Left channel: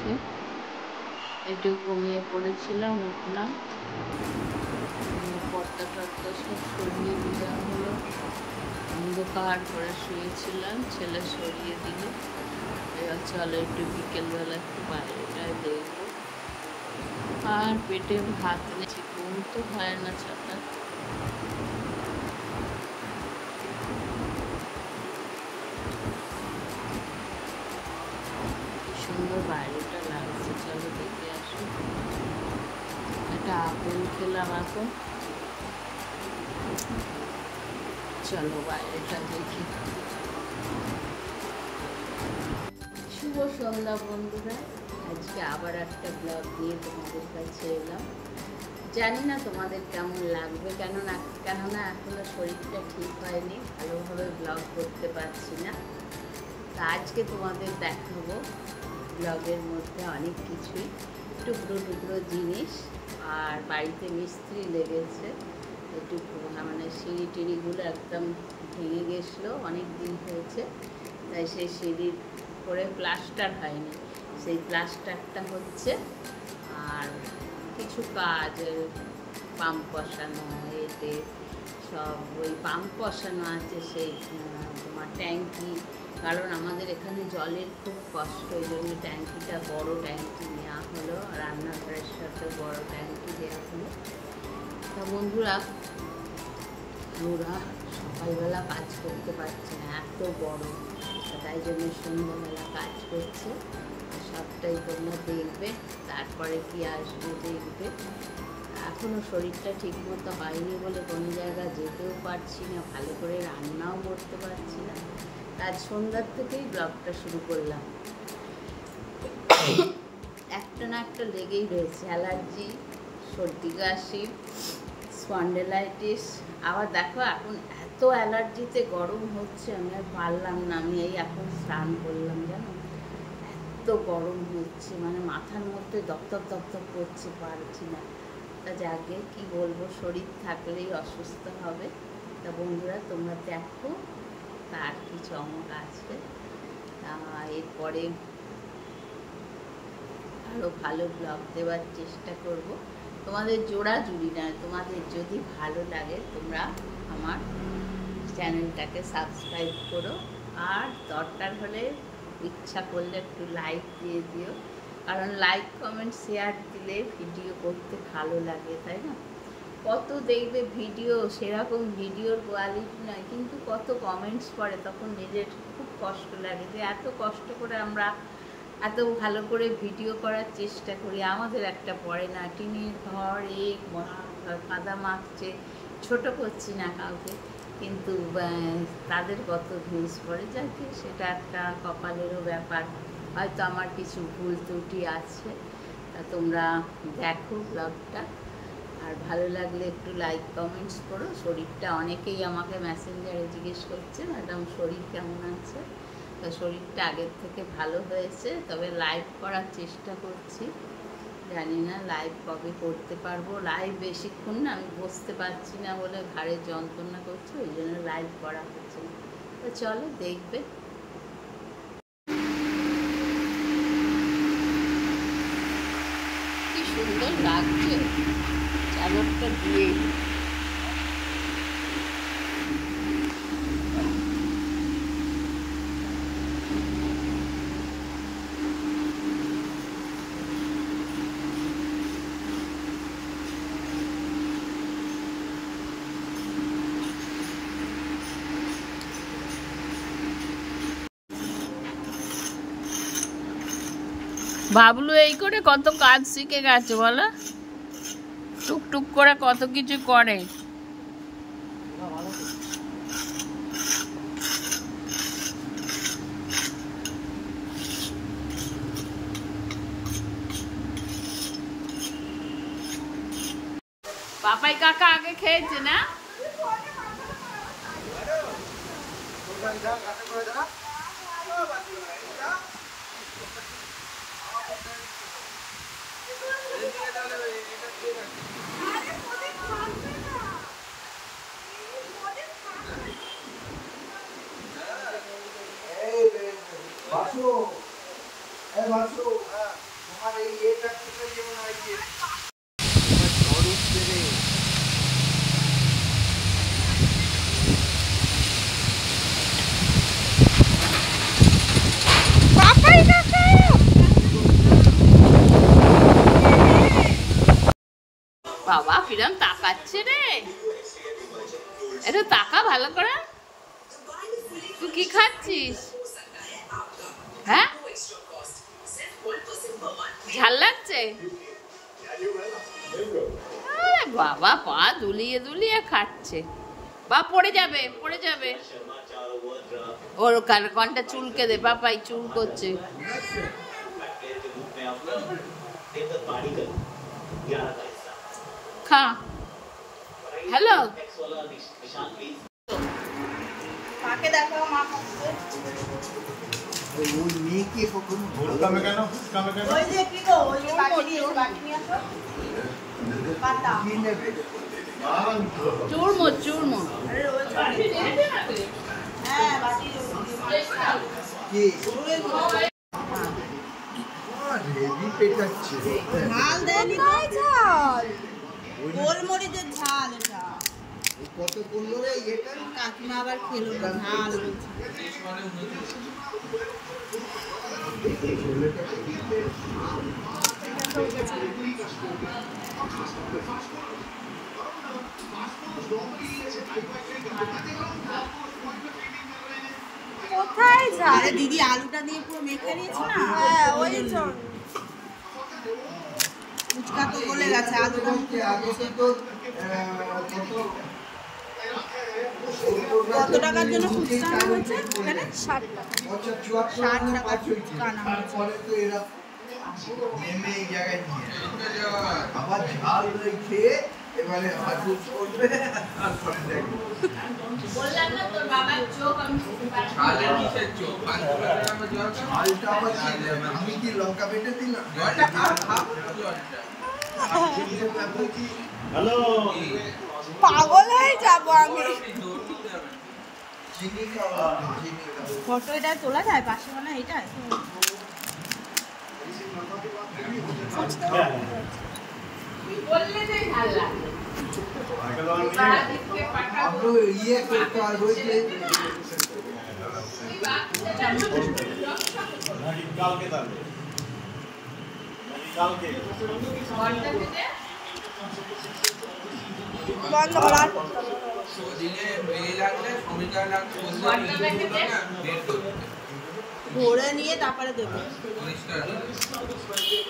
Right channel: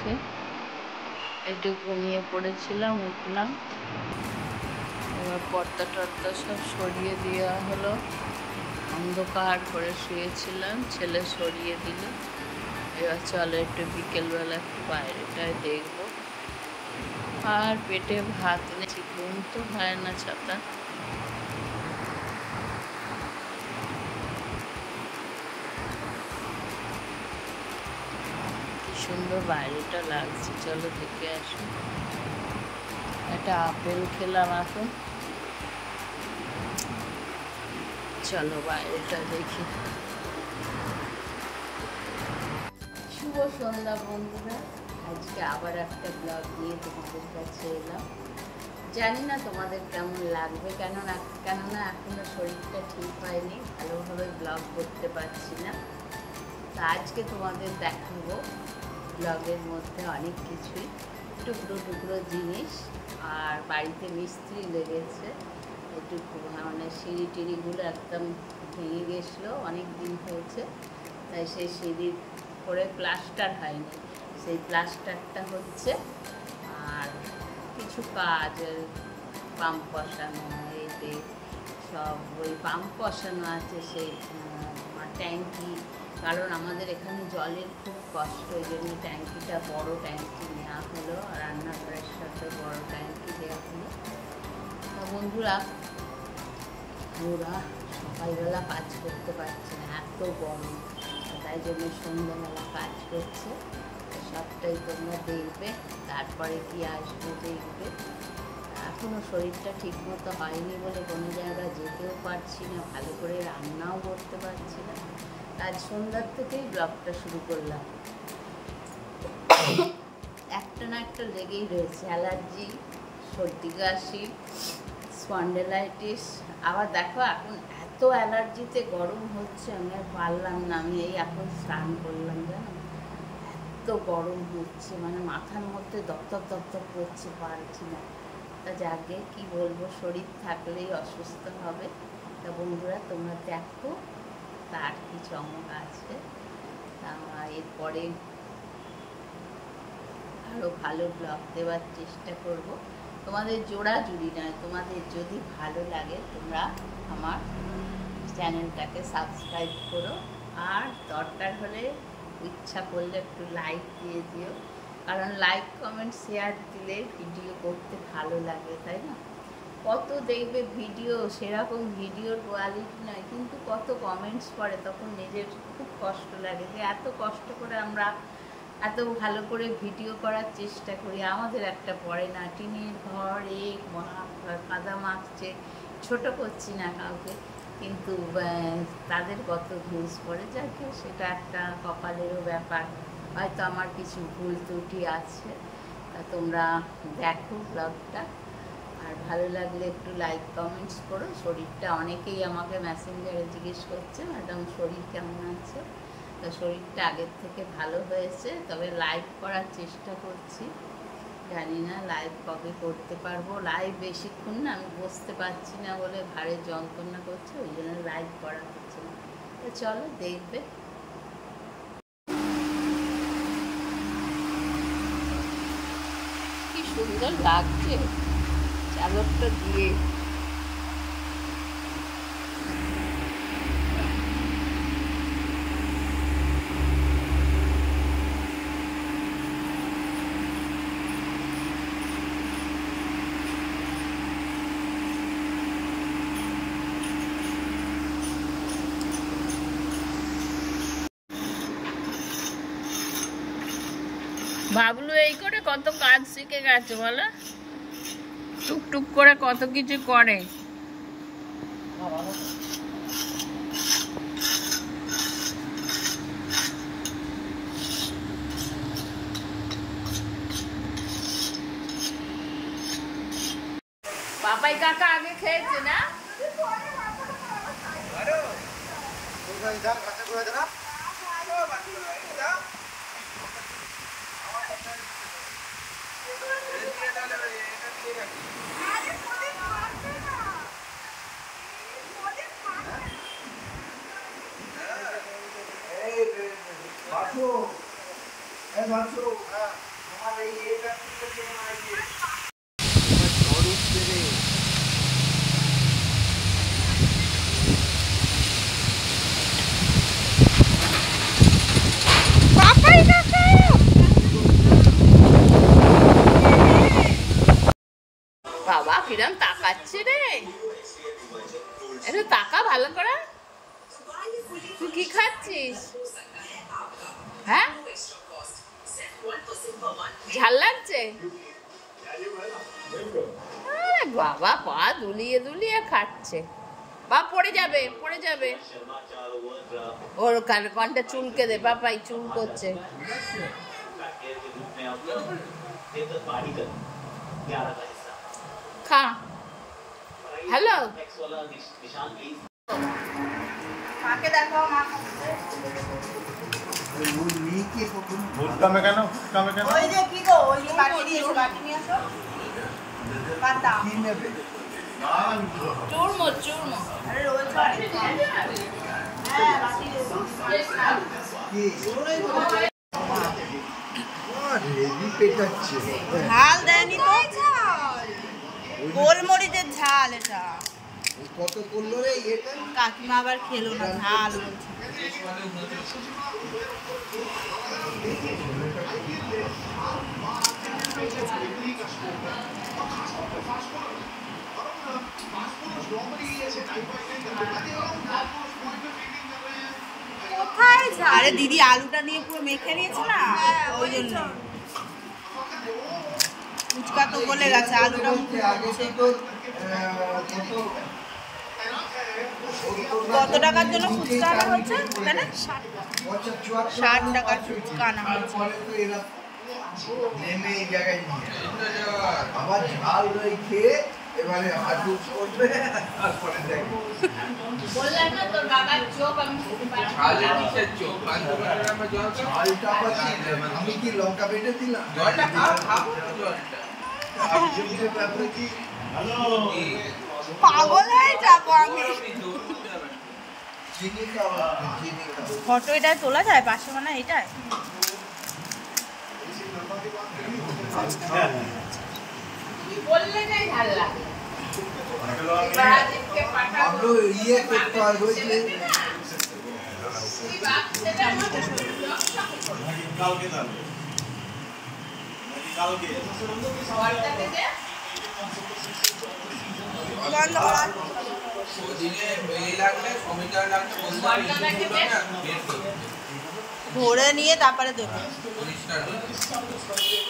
লাগছে। একটু ঘুমিয়ে পড়েছিলাম, উঠলাম, এবার পর্দা টর্দা সব সরিয়ে দেওয়া হলো। অন্ধকার করে শুয়েছিলাম, ছেলে সরিয়ে দিল। এবার চলো একটু বিকেলবেলা একটু বাইরেটায় দেখবো। আর পেটে ভাত নেই, ঘুম তো হয় না ছাতা। কি সুন্দর বাইরেটা লাগছে, চলো দেখে আসি। একটা আপেল খেলাম এখন, চলো বাইরেটা দেখি। শুভ সন্ধ্যা বন্ধুরা, আজকে আবার একটা ব্লগ নিয়ে তোমাদের কাছে এলাম। জানি না তোমাদের কেমন লাগবে, কেননা এখনো শরীরটা ঠিক হয়নি, ভালোভাবে ব্লগ করতে পারছি না। তা আজকে তোমাদের দেখাবো ব্লগের মধ্যে অনেক কিছুই, টুকরো টুকরো জিনিস। আর বাড়িতে মিস্ত্রি লেগেছে, একটু মানে সিঁড়ি টিড়িগুলো একদম ভেঙে গেছিলো, অনেক দিন হয়েছে, তাই সেই সিঁড়ির করে প্লাস্টার হয়নি, সেই প্লাস্টারটা হচ্ছে। আর কিছু কাজ, পাম্প বসানো, এতে সব ওই পাম্প বসানো আছে, সেই তোমার ট্যাঙ্কি, কারণ আমাদের এখানে জলের খুব কষ্ট, ওই জন্য ট্যাঙ্কিটা বড় ট্যাঙ্কি নেওয়া হলো, রান্নাঘরের সাথে বড় ট্যাঙ্কি দেওয়া হলো। তা বন্ধুরা, ওরা সকালবেলা কাজ করতে পারছে না, এত গরম, তাই জন্য সন্ধ্যাবেলা কাজ করছে। সবটাই তোমরা দেখবে, তারপরে কি আসবে দেখবে। এখনও শরীরটা ঠিকমতো হয়নি বলে কোনো জায়গায় যেতেও পারছি না, ভালো করে রান্নাও করতে পারছি না। আজ সন্ধ্যার থেকেই ব্লগটা শুরু করলাম। একটা না একটা লেগেই রয়েছে, অ্যালার্জি, সর্দি কাশি, স্পন্ডেলাইটিস। আবার দেখো এখন এত অ্যালার্জিতে গরম হচ্ছে, আমি আর পারলাম না, আমি এই এখন স্নান করলাম, জানো এত গরম হচ্ছে, মানে মাথার মধ্যে দপদপ দপদপ করছে, পারছি না। তা যাকে কি বলবো, শরীর থাকলেই অসুস্থ হবে। তা বন্ধুরা তোমরা দেখো তার কি চমক আছে। এরপরে আরও ভালো ব্লগ দেওয়ার চেষ্টা করব। তোমাদের জোড়াজুড়ি নয়, তোমাদের যদি ভালো লাগে তোমরা আমার চ্যানেলটাকে সাবস্ক্রাইব করো, আর দরকার হলে ইচ্ছা করলে একটু লাইক দিয়ে দিও, কারণ লাইক কমেন্ট শেয়ার দিলে ভিডিও করতে ভালো লাগে, তাই না? কত দেখবে ভিডিও, সেরকম ভিডিওর কোয়ালিটি নয়, কিন্তু কত কমেন্টস পড়ে, তখন নিজের খুব কষ্ট লাগে যে এত কষ্ট করে আমরা এত ভালো করে ভিডিও করার চেষ্টা করি, আমাদের একটা পড়ে না। টিনের ঘর, কাদা মাখছে, ছোট করছি না কাউকে, কিন্তু তাদের কত ভিউজ পড়ে, যাকে সেটা একটা কপালেরও ব্যাপার। হয়তো আমার কিছু ভুল ত্রুটি আছে, তা তোমরা দেখো ব্লগটা, আর ভালো লাগলে একটু লাইক কমেন্টস করো। শরীরটা অনেকেই আমাকে মেসেঞ্জারে জিজ্ঞেস করছে, ম্যাডাম শরীর কেমন আছে? তা শরীরটা আগের থেকে ভালো হয়েছে, তবে লাইভ করার চেষ্টা করছি, জানি না লাইভ কবে করতে পারবো। লাইভ বেশিক্ষণ না আমি বসতে পারছি না বলে ঘাড়ের যন্ত্রণা করছে, ওই জন্য লাইভ করা হচ্ছে না। তো চলো দেখবে। কি সুন্দর লাগছে চাদরটা দিয়ে। বাবলু এই করে কত কাজ শিখে গেছে বলো, টুকটুক করে কত কিছু করে। পাপাই কাকা আগে খেয়েছে না? বাবা কিরম তাকাচ্ছে রে, একটু তাকা ভালো করে। তুই কি খাচ্ছিস? হ্যাঁ, ঝাল লাগছে? আরে বাবা, পা দুলিয়ে দুলিয়ে খাচ্ছে। বা পড়ে যাবে, পড়ে যাবে। ওর কনটা চুলকে দে, বাপাই চুল করছে। খা। হ্যালো, চুরমো চুরমো। ঝাল দেয়নি তো, গোলমরিচের ঝাল এটা। কাকিমা আবার খেলো না, ঝাল বলছে। আরে দিদি আলুটা দিয়ে পুরো মেখে নিয়েছে না, ওই জন্য ফুচকা তো বলে গেছে আলুটা কত টাকার জন্য ফুচকা আনা হয়েছে এখানে? 60 টাকার ফুচকা আনা হয়েছে। আমার ঝাল খেয়ে এবারে হাজু করবে। আমি কি লঙ্কা বেটে দিলাম? পাগল হয়ে যাবো আমি। ফটো এটাই তোলা যায় 500 টাকা এটাই? ইয়ে করতে হবে ভরে নিয়ে তারপরে দেবে।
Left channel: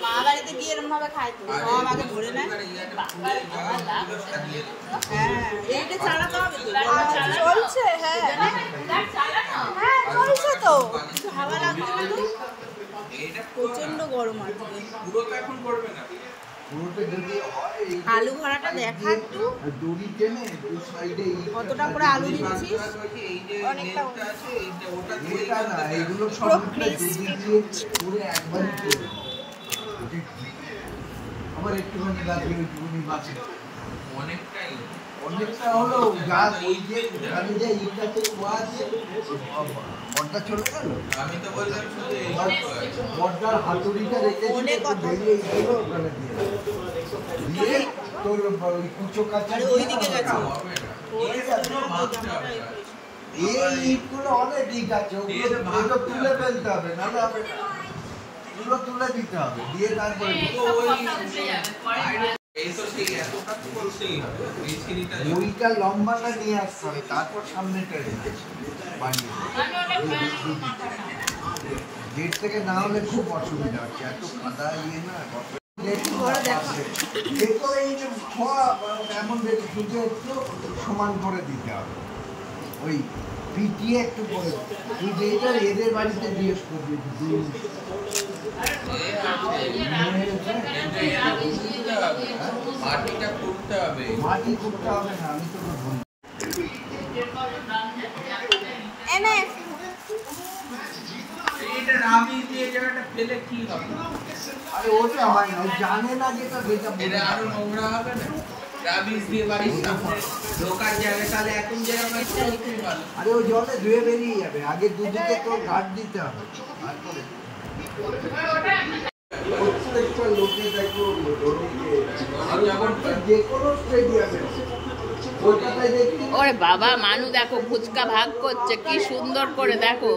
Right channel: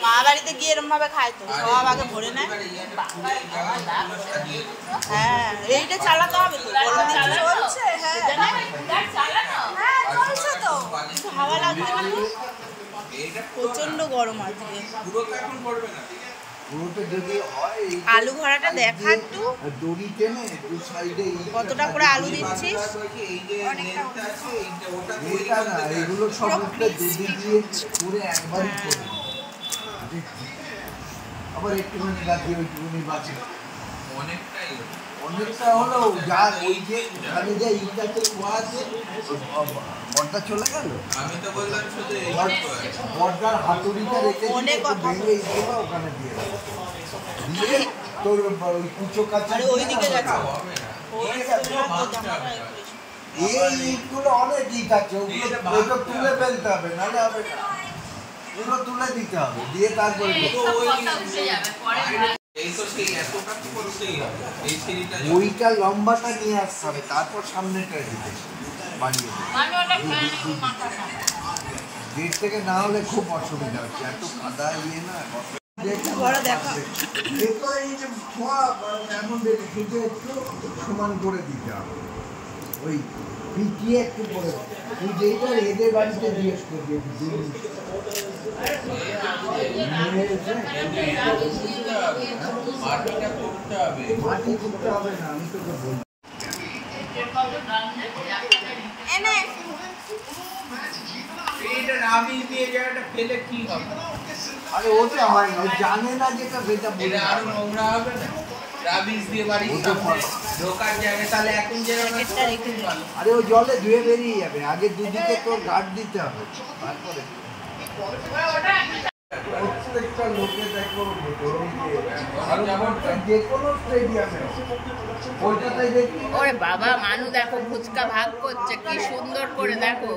মা বাড়িতে গিয়ে এরকম ভাবে খায় তো, সব আগে ভরে নেয়। হ্যাঁ, এইটা চালাতে হবে তো, গরম চলছে। হ্যাঁ চলছে তো, কিছু হাওয়া লাগছে না তো, প্রচন্ড গরম আজকে। আলু ভরাটা দেখা একটু, কতটা করে আলু দিচ্ছিস? অনেকটা হলো যা ওই যে ওখানে যে ইটাতে আছে বর্দা চলে গেল। আমি তো বললাম শুধু বর্দার হাতুড়িটা রেখে অনেক কথা ওখানে দিয়ে তোর ওই কুচো কাছে। আরে ওইদিকে গেছে, এই ইটগুলো অনেক ইট আছে, ওগুলো তুলে ফেলতে হবে, নাহলে হবে না। পুরো তুলে দিতে হবে, দিয়ে তারপরে ওইটা লম্বাটা নিয়ে আসতে হবে, তারপর সামনে গেট থেকে না হলে খুব অসুবিধা হচ্ছে, এত কাদা ইয়ে না। এমন শুধু একটু সমান করে দিতে হবে, ওই পিটিয়ে একটু করে। তুই যেইটা এদের বাড়িতে জিজ্ঞেস করবি একটু দূর মাটি করতে হবে না, আমি তোকে বলবো। আরে ওটা হয় না, জানে না যেটা বেটা আরো নোংরা হবে না। আরে ওই জলে ধুয়ে বেরিয়ে যাবে, আগে দুদিকে তো গার্ড দিতে হবে। ওরে বাবা, মানু দেখো ফুচকা ভাগ করছে, কি সুন্দর করে দেখো।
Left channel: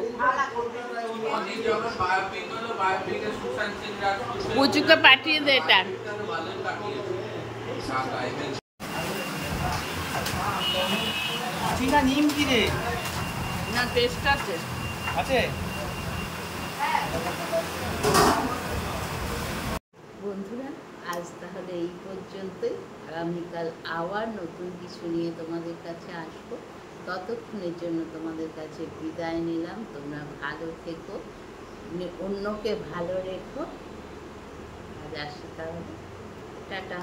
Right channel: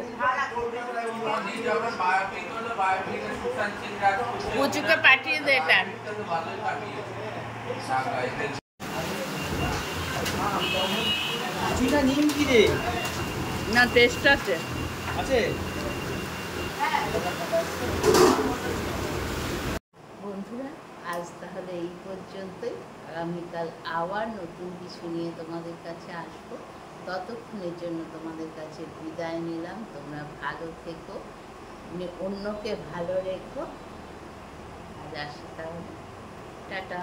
পুচুকে পাঠিয়ে দে এটা। চিনা নিম কি রে না টেস্ট আছে। আছে বন্ধুরা আজ তাহলে এই পর্যন্তই। আগামীকাল আবার নতুন কিছু নিয়ে তোমাদের কাছে আসবো। ততক্ষণের জন্য তোমাদের কাছে বিদায় নিলাম। তোমরা ভালো থেকো, অন্যকে ভালো রেখো। আজ আসি তাহলে, টাটা।